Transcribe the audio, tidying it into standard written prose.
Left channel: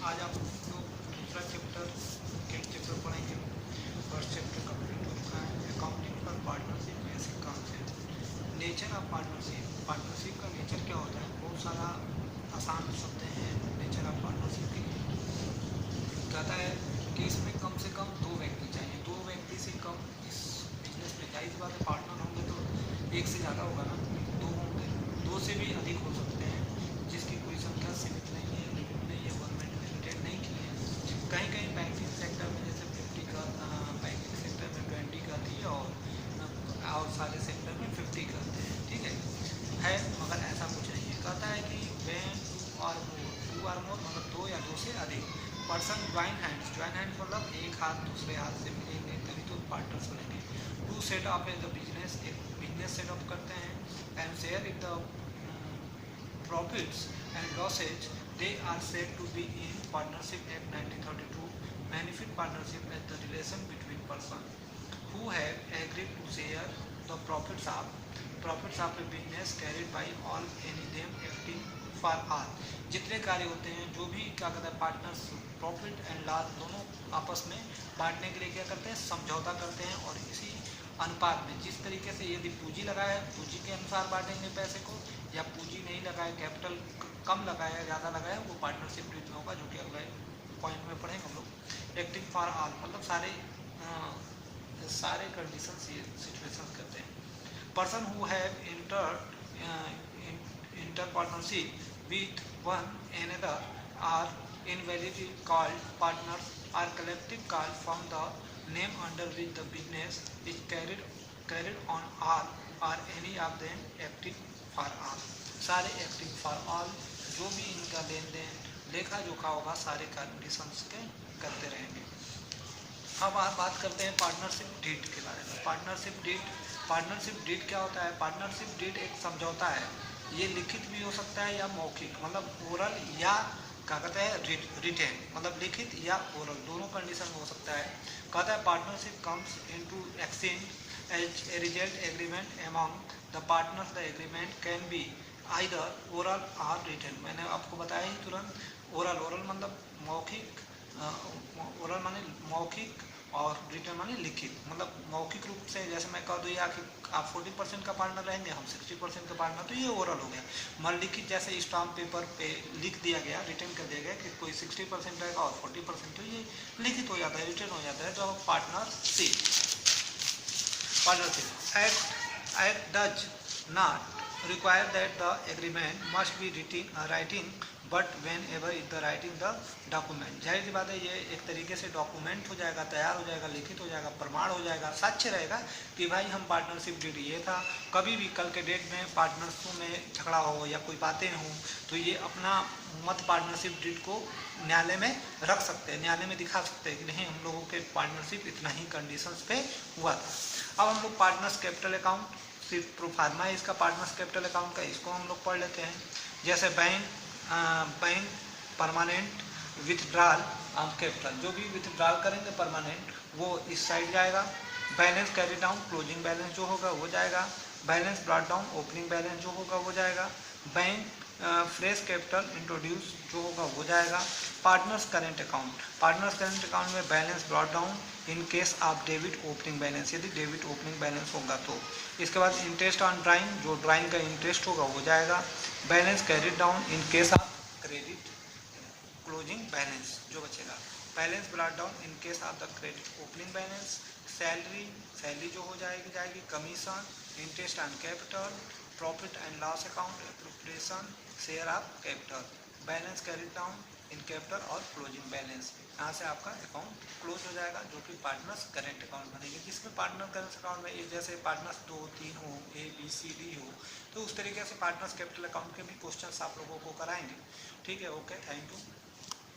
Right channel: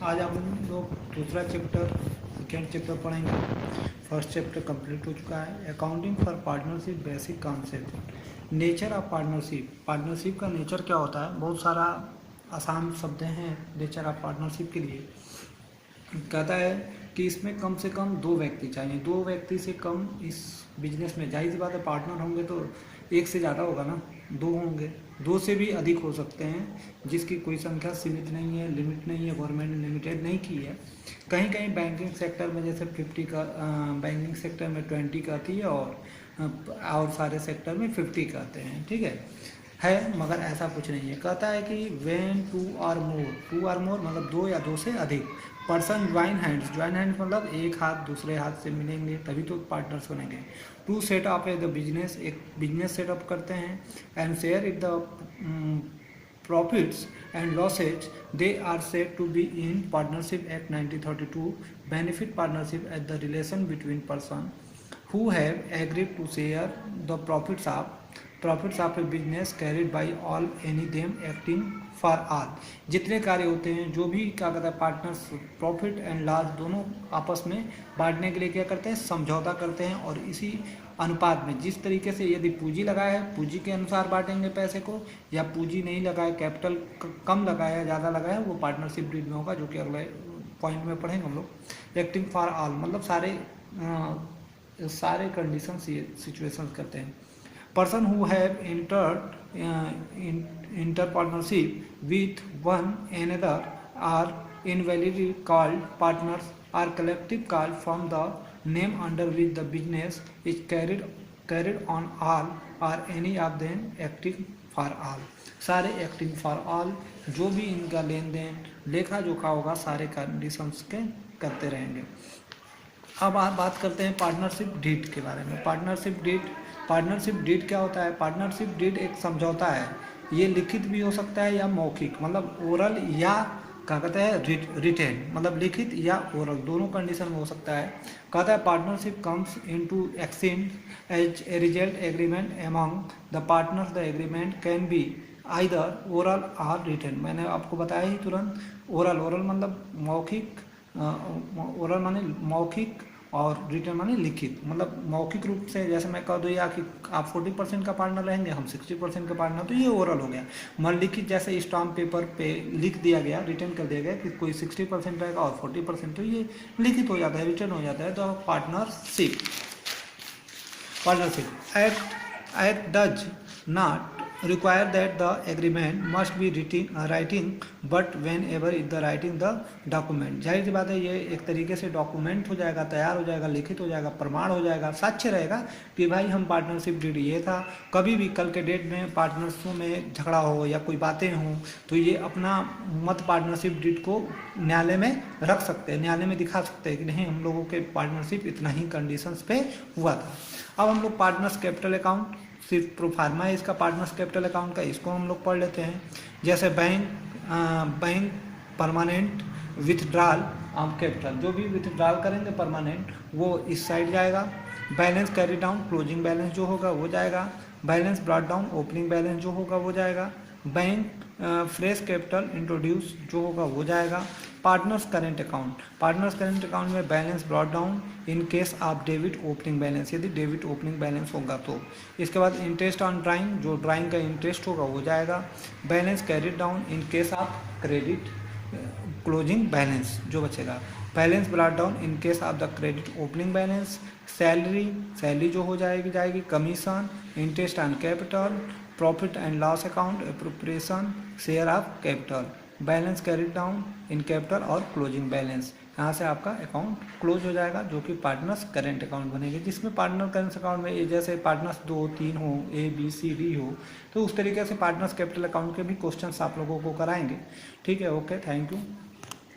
आज हम लोग दूसरा चैप्टर सेकेंड चैप्टर पढ़ेंगे। फर्स्ट चैप्टर कंप्लीट हो चुका है। Accounting for partnership basic concept. Nature of partnership. Partnership का नेचर क्या होता है? बहुत सारा आसान शब्द हैं नेचर ऑफ पार्टनरशिप के लिए। कहता है कि इसमें कम से कम दो व्यक्ति चाहिए। दो व्यक्ति से कम इस बिजनेस में, जाहिर सी बात है पार्टनर होंगे तो एक से ज़्यादा होगा ना, दो होंगे, दो से भी अधिक हो सकते हैं, जिसकी कोई संख्या सीमित नहीं है, लिमिट नहीं है, गवर्नमेंट ने लिमिटेड नहीं की है। कहीं कहीं बैंकिंग सेक्टर में जैसे 50 का, बैंकिंग सेक्टर में 20 का आती है और सारे सेक्टर में 50 करते हैं, ठीक है, मगर ऐसा कुछ नहीं है। कहता है कि व्हेन टू आर मोर मतलब दो या दो से अधिक पर्सन ज्वाइन हैंड्स मतलब एक हाथ दूसरे हाथ से मिलेंगे तभी तो पार्टनर्स बनेंगे। To set up the business, एक बिजनेस सेटअप करते हैं, and share it the profits and losses. They are said to be in partnership act 1932. Benefit partnership as the relation between persons who have agreed to share the profits of a business carried by all, any them acting for all. जितने कार्य होते हैं, जो भी क्या कहता है, partners profit and loss दोनों आपस में बांटने के लिए क्या करते हैं, समझौता करते हैं। और इसी अनुपात में, जिस तरीके से यदि पूंजी लगाया है पूंजी के अनुसार बांटेंगे पैसे को, या पूंजी नहीं लगाए, कैपिटल कम लगाया ज़्यादा लगाया, वो पार्टनरशिप डीड में होगा, जो कि अगले पॉइंट में पढ़ेंगे हम लोग। एक्टिंग फॉर ऑल मतलब सारे कंडीशन सिचुएशंस करते हैं। Person who have enter partnership with one another are invalidly called partners are collective called from the name under which the business is carried on all or any of them acting for all. सारे acting for all, जो भी इनका लेन then लेखा जोखा होगा सारे conditions के करते रहेंगे। अब आप बात करते हैं पार्टनरशिप डीड के बारे में। पार्टनरशिप डीड क्या होता है? पार्टनरशिप डीड एक समझौता है। ये लिखित भी हो सकता है या मौखिक, मतलब ओरल या क्या कहते हैं रिटेन, मतलब लिखित या ओरल, दोनों कंडीशन में हो सकता है। कहता है partnership comes into exchange as a result agreement among the partners. The agreement can be either oral or written. मैंने आपको बताया ही तुरंत, ओरल मतलब मौखिक, ओरल माने मौखिक और रिटर्न माने लिखित। मतलब मौखिक रूप से जैसे मैं कह दूँ या कि आप 40% का पार्टनर रहेंगे, हम 60% का पार्टनर, तो ये ओरल हो गया। मन लिखित जैसे स्टाम्प पेपर पे लिख दिया गया, रिटर्न कर दिया गया कि कोई 60% रहेगा और 40%, तो ये लिखित हो जाता है, रिटर्न हो जाता है। तो partnership act does not require that the agreement must be writing but whenever is the writing the document। जाहिर सी बात है ये एक तरीके से डॉक्यूमेंट हो जाएगा, तैयार हो जाएगा, लिखित हो जाएगा, प्रमाण हो जाएगा, साक्ष्य रहेगा कि भाई हम पार्टनरशिप डीड ये था। कभी भी कल के डेट में पार्टनर्सों में झगड़ा हो या कोई बातें हों तो ये अपना मत पार्टनरशिप डीड को न्यायालय में रख सकते हैं, न्यायालय में दिखा सकते हैं कि नहीं हम लोगों के पार्टनरशिप इतना ही कंडीशंस पे हुआ था। अब हम लोग पार्टनर्स कैपिटल अकाउंट सिर्फ प्रोफार्मा है इसका, पार्टनर्स कैपिटल अकाउंट का, इसको हम लोग पढ़ लेते हैं। जैसे bank permanent withdrawal of capital, जो भी विथड्रॉल करेंगे परमानेंट वो इस साइड जाएगा। Balance carry down, closing balance जो होगा वो जाएगा। Balance brought down, opening balance जो होगा वो जाएगा। बैंक फ्रेश कैपिटल इंट्रोड्यूस जो होगा वो जाएगा। पार्टनर्स करेंट अकाउंट में balance brought down in case of debit opening balance, यदि डेबिट ओपनिंग बैलेंस होगा तो। इसके बाद इंटरेस्ट ऑन ड्राइंग, जो ड्राइंग का इंटरेस्ट होगा वो जाएगा। Balance carried down in case of credit closing balance जो बचेगा। Balance brought down in case of the credit opening balance. Salary जो हो जाएगी। Commission, interest on capital, profit and loss account, appropriation, share of capital. Balance carried down in capital और closing balance, यहाँ से आपका account close हो जाएगा, जो कि पार्टनर्स करेंट अकाउंट बनेगी। जिसमें पार्टनर करेंट अकाउंट में जैसे पार्टनर्स 2 3 हो, ABCD हो, तो उस तरीके से पार्टनर्स कैपिटल अकाउंट के भी क्वेश्चंस आप लोगों को कराएंगे। ठीक है, ओके, थैंक यू।